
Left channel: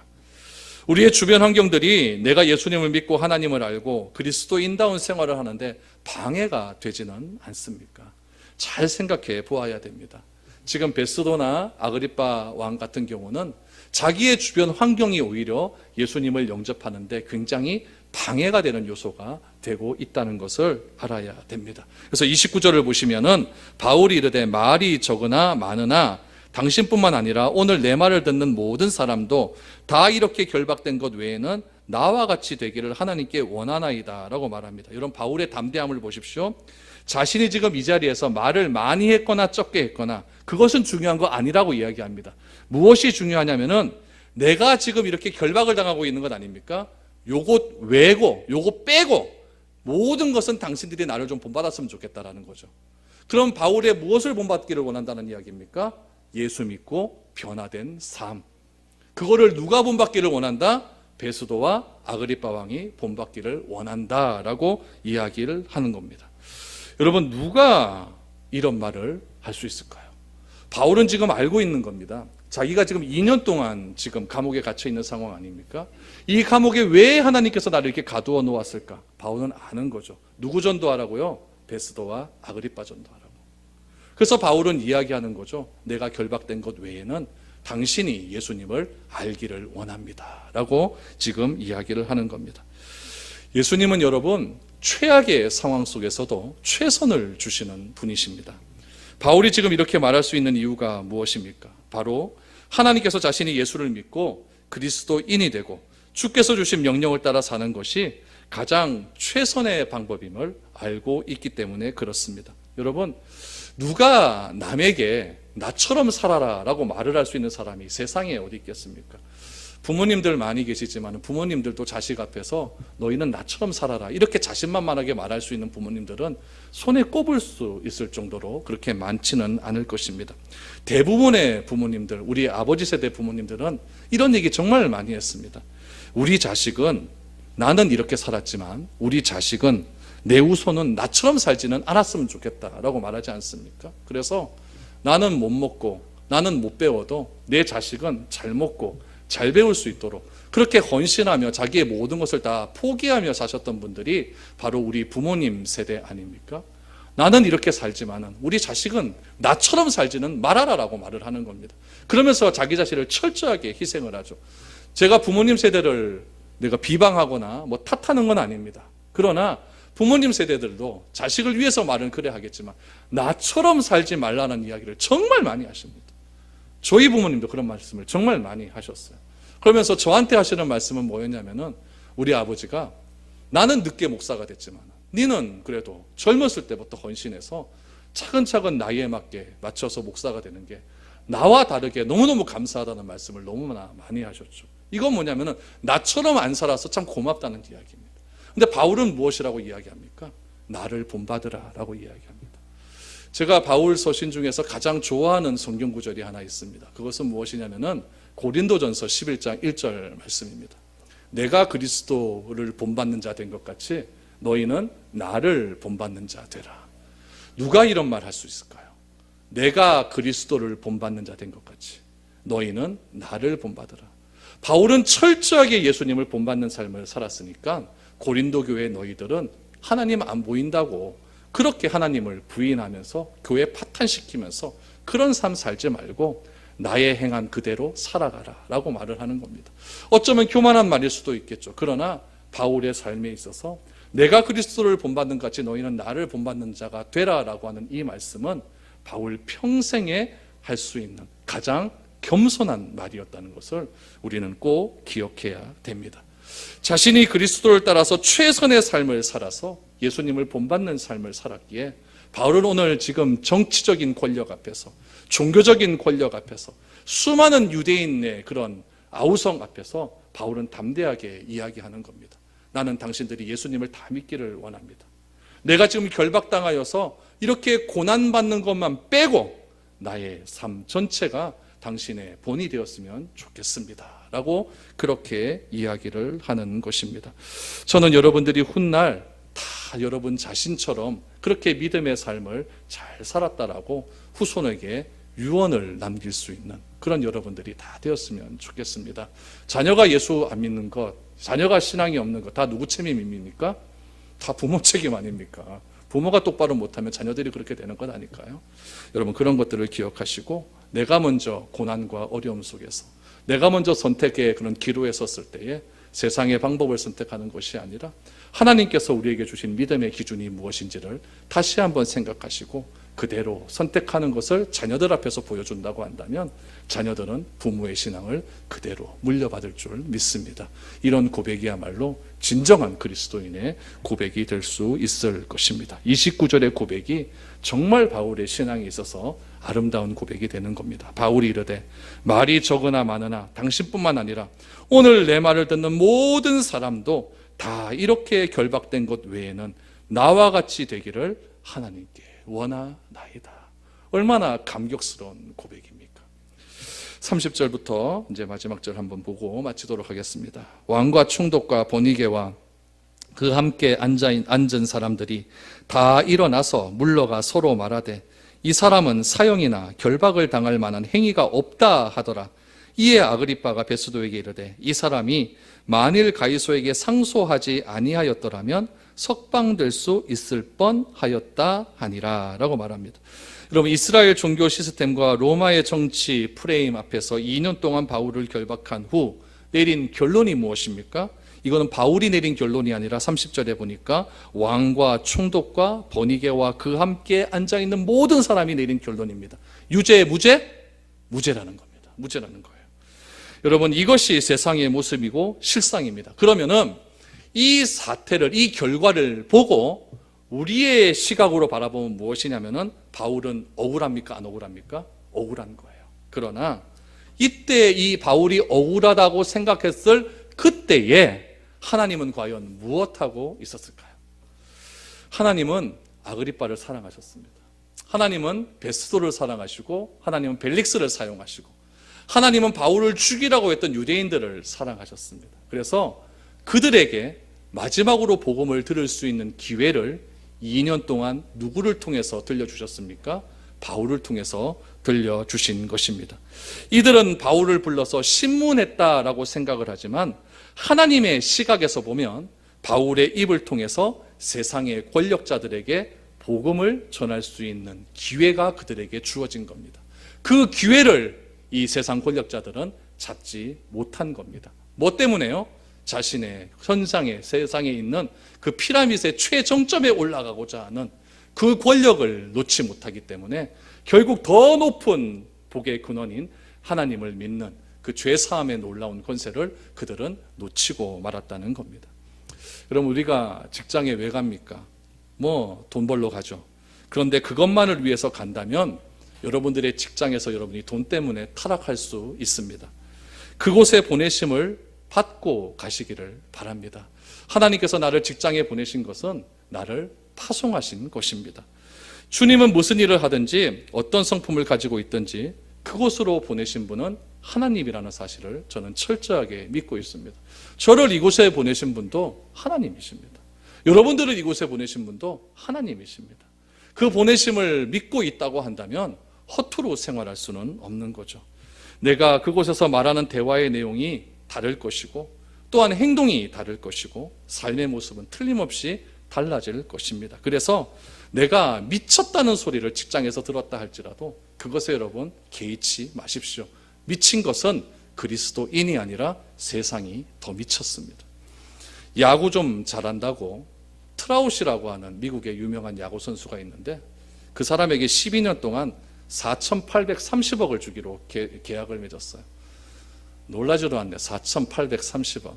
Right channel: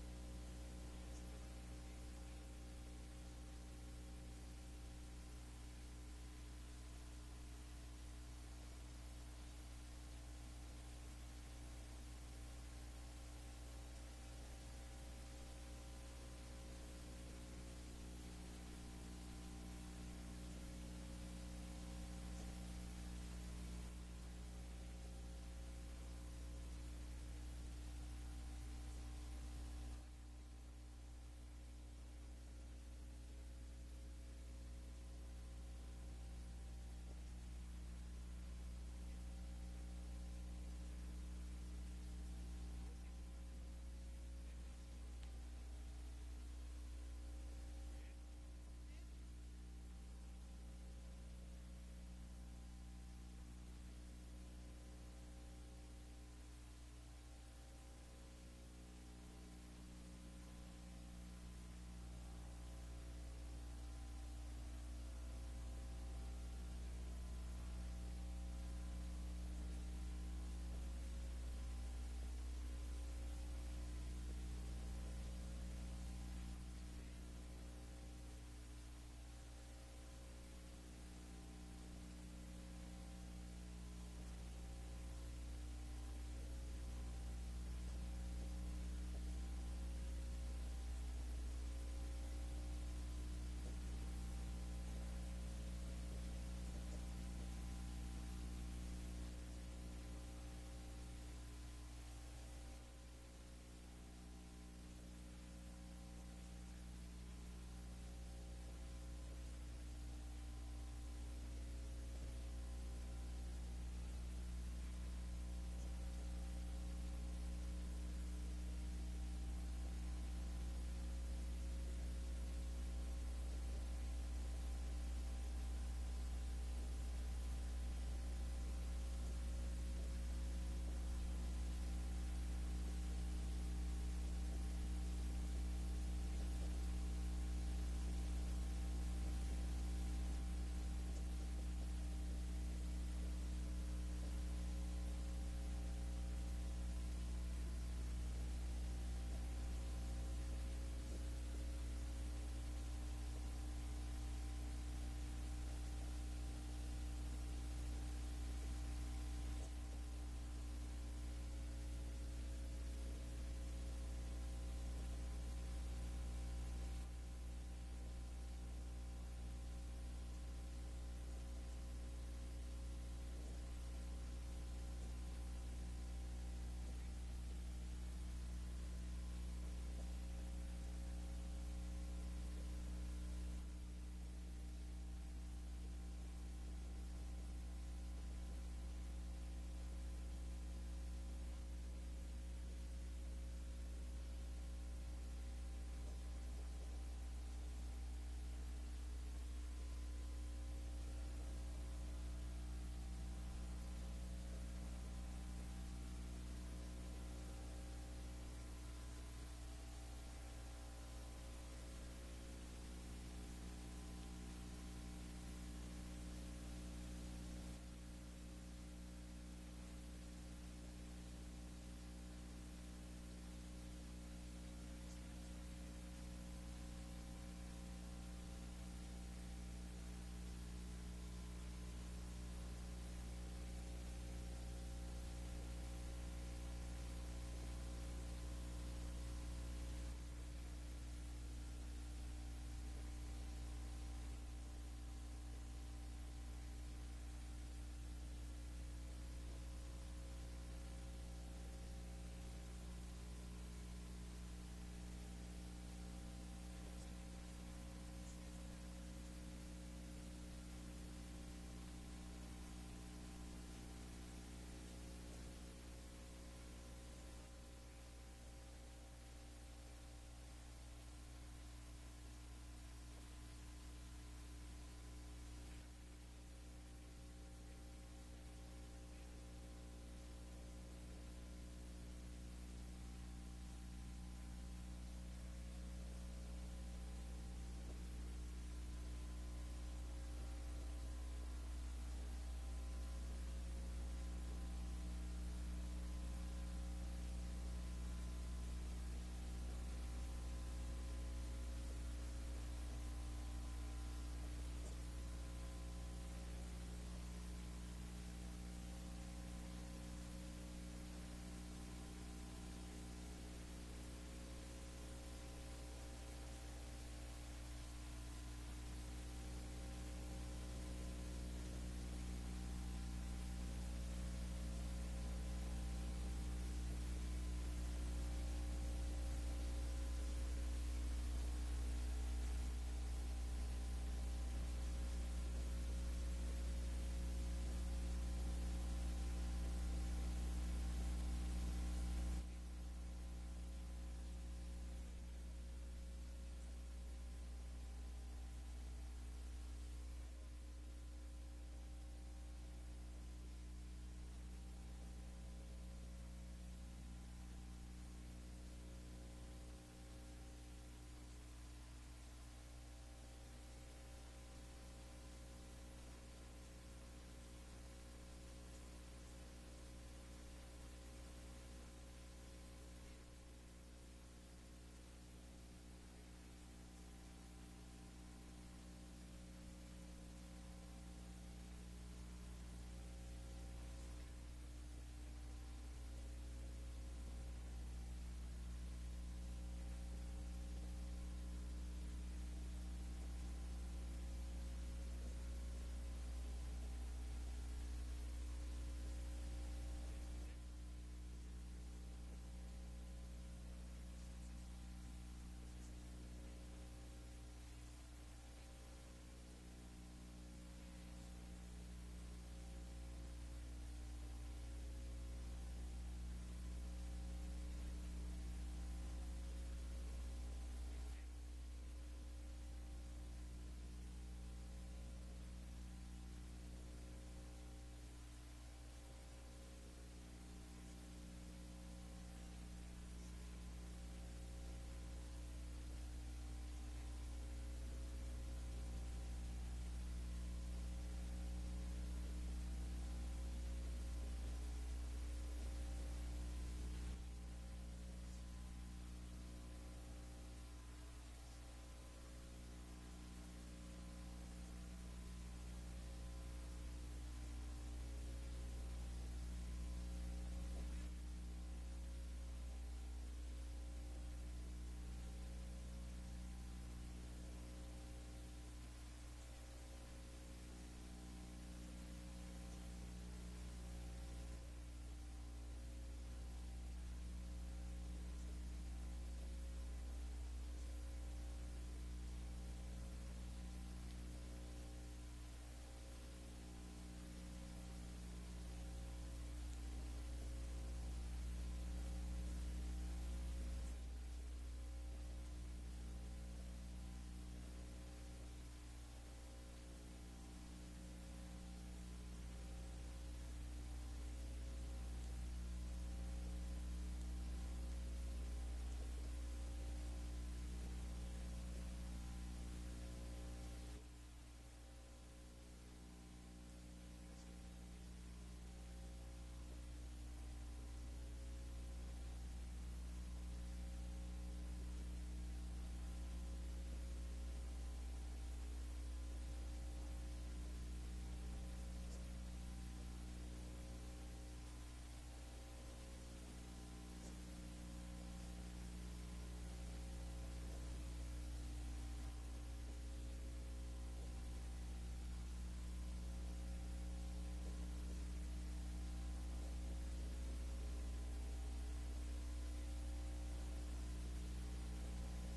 우리의 주변 환경들이 내가 예수님을 믿고 하나님을 알고 그리스도인다운 생활을 하는데 방해가 되지는 않습니까? 잘 생각해 보아야 됩니다. 지금 베스도나 아그리빠 왕 같은 경우는 자기의 주변 환경이 오히려 예수님을 영접하는데 굉장히 방해가 되는 요소가 되고 있다는 것을 알아야 됩니다. 그래서 29절을 보시면은 바울이 이르되 말이 적으나 많으나 당신뿐만 아니라 오늘 내 말을 듣는 모든 사람도 다 이렇게 결박된 것 외에는 나와 같이 되기를 하나님께 원하나이다 라고 말합니다. 여러분, 바울의 담대함을 보십시오. 자신이 지금 이 자리에서 말을 많이 했거나 적게 했거나 그것은 중요한 거 아니라고 이야기합니다. 무엇이 중요하냐면은 내가 지금 이렇게 결박을 당하고 있는 것 아닙니까? 요것 외고 요것 빼고 모든 것은 당신들이 나를 좀 본받았으면 좋겠다라는 거죠. 그럼 바울의 무엇을 본받기를 원한다는 이야기입니까? 예수 믿고 변화된 삶. 그거를 누가 본받기를 원한다? 베스도와 아그리빠 왕이 본받기를 원한다라고 이야기를 하는 겁니다. 여러분, 누가 이런 말을 할 수 있을까요? 바울은 지금 알고 있는 겁니다. 자기가 지금 2년 동안 지금 감옥에 갇혀 있는 상황 아닙니까? 이 감옥에 왜 하나님께서 나를 이렇게 가두어 놓았을까? 바울은 아는 거죠. 누구 전도하라고요? 베스도와 아그리빠 전도하라고. 그래서 바울은 이야기하는 거죠. 내가 결박된 것 외에는 당신이 예수님을 알기를 원합니다 라고 지금 이야기를 하는 겁니다. 예수님은 여러분, 최악의 상황 속에서도 최선을 주시는 분이십니다. 바울이 지금 이렇게 말할 수 있는 이유가 무엇입니까? 바로 하나님께서 자신이 예수를 믿고 그리스도인이 되고 주께서 주신 명령을 따라 사는 것이 가장 최선의 방법임을 알고 있기 때문에 그렇습니다. 여러분, 누가 남에게 나처럼 살아라 라고 말을 할 수 있는 사람이 세상에 어디 있겠습니까? 부모님들 많이 계시지만 부모님들도 자식 앞에서 너희는 나처럼 살아라 이렇게 자신만만하게 말할 수 있는 부모님들은 손에 꼽을 수 있을 정도로 그렇게 많지는 않을 것입니다. 대부분의 부모님들, 우리 아버지 세대 부모님들은 이런 얘기 정말 많이 했습니다. 우리 자식은, 나는 이렇게 살았지만 우리 자식은 내 후손은 나처럼 살지는 않았으면 좋겠다라고 말하지 않습니까? 그래서 나는 못 먹고 나는 못 배워도 내 자식은 잘 먹고 잘 배울 수 있도록 그렇게 헌신하며 자기의 모든 것을 다 포기하며 사셨던 분들이 바로 우리 부모님 세대 아닙니까? 나는 이렇게 살지만은 우리 자식은 나처럼 살지는 말아라라고 말을 하는 겁니다. 그러면서 자기 자신을 철저하게 희생을 하죠. 제가 부모님 세대를 내가 비방하거나 뭐 탓하는 건 아닙니다. 그러나 부모님 세대들도 자식을 위해서 말은 그래 하겠지만 나처럼 살지 말라는 이야기를 정말 많이 하십니다. 저희 부모님도 그런 말씀을 정말 많이 하셨어요. 그러면서 저한테 하시는 말씀은 뭐였냐면은 우리 아버지가 나는 늦게 목사가 됐지만 니는 그래도 젊었을 때부터 헌신해서 차근차근 나이에 맞게 맞춰서 목사가 되는 게 나와 다르게 너무너무 감사하다는 말씀을 너무나 많이 하셨죠. 이건 뭐냐면은 나처럼 안 살아서 참 고맙다는 이야기입니다. 근데 바울은 무엇이라고 이야기합니까? 나를 본받으라 라고 이야기합니다. 제가 바울 서신 중에서 가장 좋아하는 성경 구절이 하나 있습니다. 그것은 무엇이냐면은 고린도전서 11장 1절 말씀입니다. 내가 그리스도를 본받는 자 된 것 같이 너희는 나를 본받는 자 되라. 누가 이런 말 할 수 있을까요? 내가 그리스도를 본받는 자 된 것 같이 너희는 나를 본받으라. 바울은 철저하게 예수님을 본받는 삶을 살았으니까 고린도 교회 너희들은 하나님 안 보인다고 그렇게 하나님을 부인하면서 교회 파탄시키면서 그런 삶 살지 말고 나의 행한 그대로 살아가라 라고 말을 하는 겁니다. 어쩌면 교만한 말일 수도 있겠죠. 그러나 바울의 삶에 있어서 내가 그리스도를 본받는 것 같이 너희는 나를 본받는 자가 되라 라고 하는 이 말씀은 바울 평생에 할 수 있는 가장 겸손한 말이었다는 것을 우리는 꼭 기억해야 됩니다. 자신이 그리스도를 따라서 최선의 삶을 살아서 예수님을 본받는 삶을 살았기에 바울은 오늘 지금 정치적인 권력 앞에서, 종교적인 권력 앞에서, 수많은 유대인의 그런 아우성 앞에서 바울은 담대하게 이야기하는 겁니다. 나는 당신들이 예수님을 다 믿기를 원합니다. 내가 지금 결박당하여서 이렇게 고난받는 것만 빼고 나의 삶 전체가 당신의 본이 되었으면 좋겠습니다 라고 그렇게 이야기를 하는 것입니다. 저는 여러분들이 훗날 다 여러분 자신처럼 그렇게 믿음의 삶을 잘 살았다라고 후손에게 유언을 남길 수 있는 그런 여러분들이 다 되었으면 좋겠습니다. 자녀가 예수 안 믿는 것, 자녀가 신앙이 없는 것 다 누구 책임입니까? 다 부모 책임 아닙니까? 부모가 똑바로 못하면 자녀들이 그렇게 되는 것 아닐까요? 여러분 그런 것들을 기억하시고 내가 먼저 고난과 어려움 속에서 내가 먼저 선택의 그런 기로에 섰을 때에 세상의 방법을 선택하는 것이 아니라 하나님께서 우리에게 주신 믿음의 기준이 무엇인지를 다시 한번 생각하시고 그대로 선택하는 것을 자녀들 앞에서 보여준다고 한다면 자녀들은 부모의 신앙을 그대로 물려받을 줄 믿습니다. 이런 고백이야말로 진정한 그리스도인의 고백이 될 수 있을 것입니다. 29절의 고백이 정말 바울의 신앙에 있어서 아름다운 고백이 되는 겁니다. 바울이 이르되 말이 적으나 많으나 당신뿐만 아니라 오늘 내 말을 듣는 모든 사람도 다 이렇게 결박된 것 외에는 나와 같이 되기를 하나님께 원하나이다. 얼마나 감격스러운 고백입니까? 30절부터 이제 마지막 절 한번 보고 마치도록 하겠습니다. 왕과 총독과 보니게와 그 함께 앉은 사람들이 다 일어나서 물러가 서로 말하되 이 사람은 사형이나 결박을 당할 만한 행위가 없다 하더라. 이에 아그리빠가 베스도에게 이르되 이 사람이 만일 가이소에게 상소하지 아니하였더라면 석방될 수 있을 뻔하였다 하니라 라고 말합니다. 여러분 이스라엘 종교 시스템과 로마의 정치 프레임 앞에서 2년 동안 바울을 결박한 후 내린 결론이 무엇입니까? 이거는 바울이 내린 결론이 아니라 30절에 보니까 왕과 총독과 버니게와 그 함께 앉아있는 모든 사람이 내린 결론입니다. 유죄, 무죄? 무죄라는 겁니다. 무죄라는 거예요. 여러분 이것이 세상의 모습이고 실상입니다. 그러면은 이 사태를, 이 결과를 보고 우리의 시각으로 바라보면 무엇이냐면은 바울은 억울합니까? 안 억울합니까? 억울한 거예요. 그러나 이때 이 바울이 억울하다고 생각했을 그때에 하나님은 과연 무엇하고 있었을까요? 하나님은 아그리빠를 사랑하셨습니다. 하나님은 베스도를 사랑하시고 하나님은 벨릭스를 사용하시고 하나님은 바울을 죽이라고 했던 유대인들을 사랑하셨습니다. 그래서 그들에게 마지막으로 복음을 들을 수 있는 기회를 2년 동안 누구를 통해서 들려주셨습니까? 바울을 통해서 들려주신 것입니다. 이들은 바울을 불러서 신문했다라고 생각을 하지만 하나님의 시각에서 보면 바울의 입을 통해서 세상의 권력자들에게 복음을 전할 수 있는 기회가 그들에게 주어진 겁니다. 그 기회를 이 세상 권력자들은 잡지 못한 겁니다. 뭐 때문에요? 자신의 현상에 세상에 있는 그 피라밋의 최정점에 올라가고자 하는 그 권력을 놓지 못하기 때문에 결국 더 높은 복의 근원인 하나님을 믿는 그 죄사함의 놀라운 권세를 그들은 놓치고 말았다는 겁니다. 그럼 우리가 직장에 왜 갑니까? 뭐 돈 벌러 가죠. 그런데 그것만을 위해서 간다면 여러분들의 직장에서 여러분이 돈 때문에 타락할 수 있습니다. 그곳에 보내심을 받고 가시기를 바랍니다. 하나님께서 나를 직장에 보내신 것은 나를 파송하신 것입니다. 주님은 무슨 일을 하든지 어떤 성품을 가지고 있든지 그곳으로 보내신 분은 하나님이라는 사실을 저는 철저하게 믿고 있습니다. 저를 이곳에 보내신 분도 하나님이십니다. 여러분들을 이곳에 보내신 분도 하나님이십니다. 그 보내심을 믿고 있다고 한다면 허투루 생활할 수는 없는 거죠. 내가 그곳에서 말하는 대화의 내용이 다를 것이고 또한 행동이 다를 것이고 삶의 모습은 틀림없이 달라질 것입니다. 그래서 내가 미쳤다는 소리를 직장에서 들었다 할지라도 그것에 여러분 개의치 마십시오. 미친 것은 그리스도인이 아니라 세상이 더 미쳤습니다. 야구 좀 잘한다고 트라우시라고 하는 미국의 유명한 야구 선수가 있는데 그 사람에게 12년 동안 4,830억을 주기로 계약을 맺었어요. 놀라지도 않네. 4,830억.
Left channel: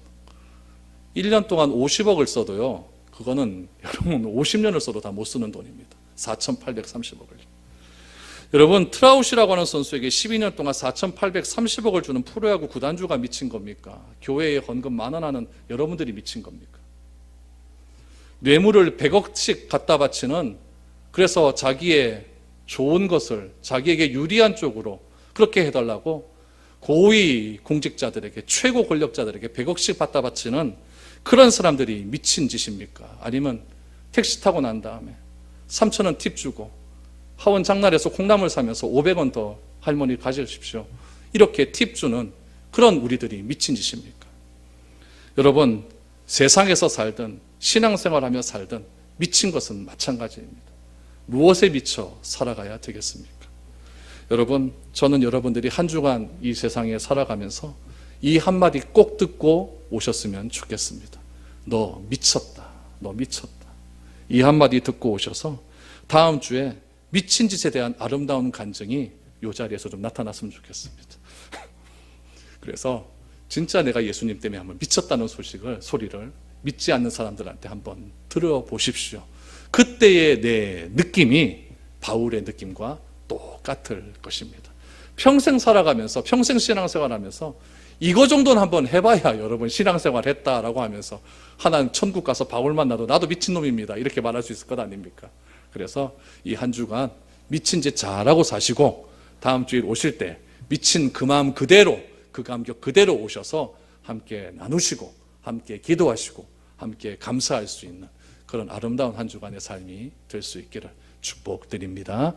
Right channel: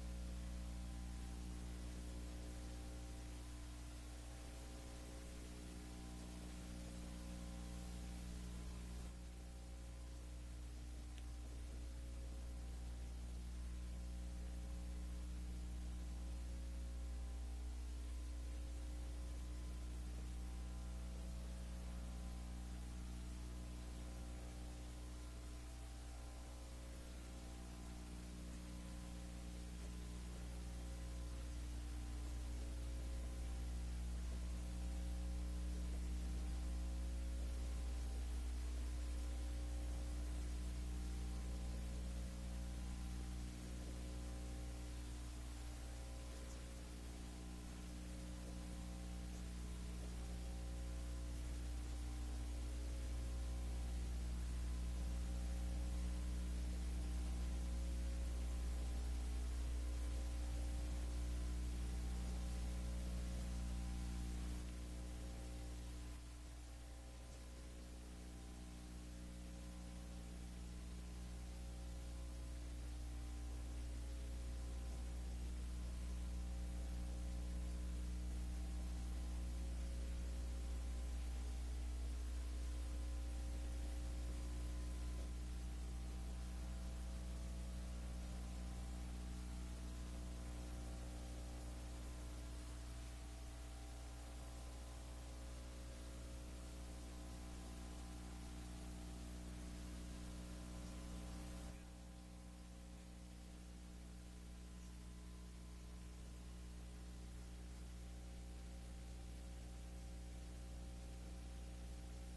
1년 동안 50억을 써도요. 그거는 여러분 50년을 써도 다 못 쓰는 돈입니다. 4,830억을. 여러분 트라우시라고 하는 선수에게 12년 동안 4,830억을 주는 프로야구 구단주가 미친 겁니까? 교회에 헌금 10,000원 하는 여러분들이 미친 겁니까? 뇌물을 100억씩 갖다 바치는, 그래서 자기의 좋은 것을 자기에게 유리한 쪽으로 그렇게 해달라고 고위 공직자들에게, 최고 권력자들에게 100억씩 갖다 바치는 그런 사람들이 미친 짓입니까? 아니면 택시 타고 난 다음에 3,000원 팁 주고 하원 장날에서 콩나물 사면서 500원 더 할머니 가져주십시오, 이렇게 팁 주는 그런 우리들이 미친 짓입니까? 여러분, 세상에서 살든 신앙생활하며 살든 미친 것은 마찬가지입니다. 무엇에 미쳐 살아가야 되겠습니까? 여러분, 저는 여러분들이 한 주간 이 세상에 살아가면서 이 한마디 꼭 듣고 오셨으면 좋겠습니다. 너 미쳤다. 너 미쳤다. 이 한마디 듣고 오셔서 다음 주에 미친 짓에 대한 아름다운 간증이 이 자리에서 좀 나타났으면 좋겠습니다. 그래서 진짜 내가 예수님 때문에 한번 미쳤다는 소리를 믿지 않는 사람들한테 한번 들어보십시오. 그때의 내 느낌이 바울의 느낌과 똑같을 것입니다. 평생 살아가면서, 평생 신앙생활하면서 이거 정도는 한번 해봐야 여러분 신앙생활 했다라고 하면서 하나님 천국 가서 바울 만나도 나도 미친놈입니다 이렇게 말할 수 있을 것 아닙니까? 그래서 이 한 주간 미친 짓 잘하고 사시고 다음 주일 오실 때 미친 그 마음 그대로, 그 감격 그대로 오셔서 함께 나누시고 함께 기도하시고 함께 감사할 수 있는 그런 아름다운 한 주간의 삶이 될 수 있기를 축복드립니다.